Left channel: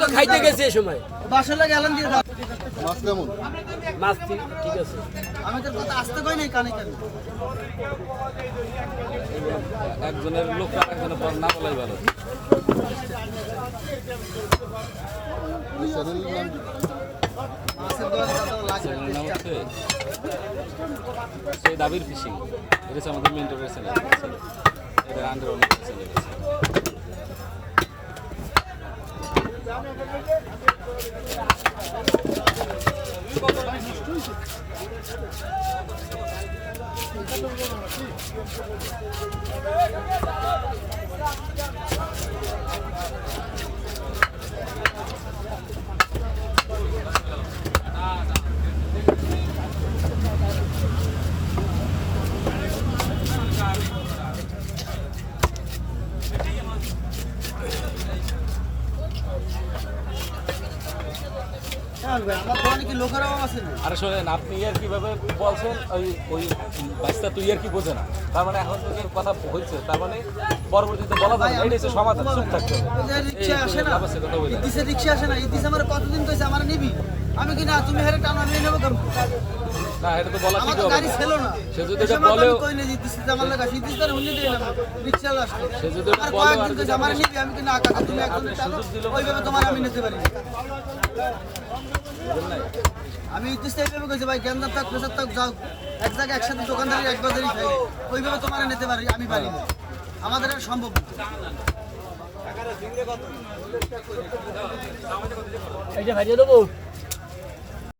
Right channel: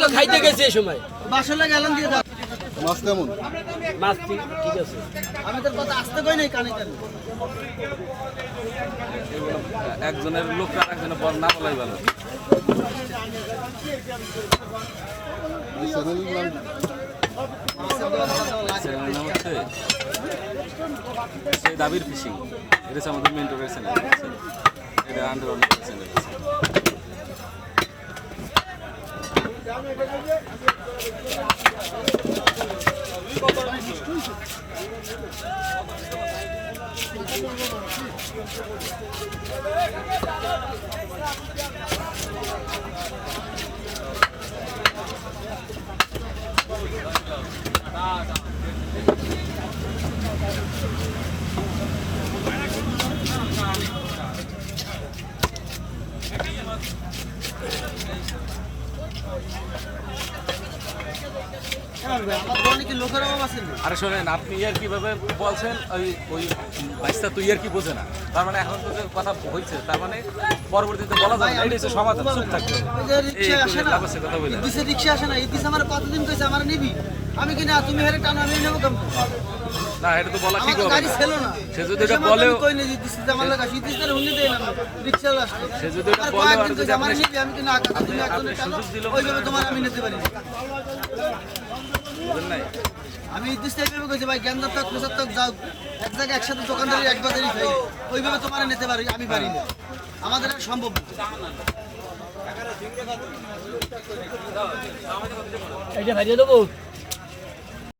তো খাইতে গেছি এই সময়। বাসলে গেলেন দিয়ে দাও। মাছ কেমন? মাছ ঠিক আছে। আমাদের কথা আসতে কই নাই কানে কানে। এগুলো একজনের লোক আর একজনের পর না বলাই ভালো। চ্যানেলের নাম হচ্ছে সেই দাবির ফিশিং। এটা হচ্ছে আমাদের মেন্টরের চ্যানেল। এটা আন্ডার অনেক চ্যানেল আছে। আরে শোনেন, আপনি ইয়ার কিভাবে বলছেন, ওই বাইশটা তুই ইয়ার কি বোঝে না, তার মানে এখন তো যে কথা হয়েছে তার মানে পরবর্তীতে বলা যাবে না, এটা হচ্ছে সমাধান, চুপ থাকতে হবে। এই লাভ আছে কথা বলে রিক্সা আসে না, ইতিস আমার কতদিন কইছে আমার নিবি, আমি কি না তুমি হেরে টানো আমি নেব কেন? না, এটা তো বলা ঠিক হবে না। সে যদি এটা বলে বলেও, কই নেই ইতিস আমার লাগা ইতিস তার হুন্নি দেই না রিক্সা আসে, সে যদি এটা বলে আর যদি আমার আপনি নিবি আমি কি না আপনি সুযোগ দিল ওইভাবে তোমার আমি নিতে পারি না। বুঝেন নাই? আমি ইতিস টাইপে কইছি ভাই গেন্দার তক প্রসাদ তক যাও এক জায়গায় একসাথে দোকানদারি এক বাজারই খাই, ওইভাবে তোমার নিতে পারি আমি পারি না, আমাদের আর সম্ভব না। এইটা ভাজিয়ে দেবো।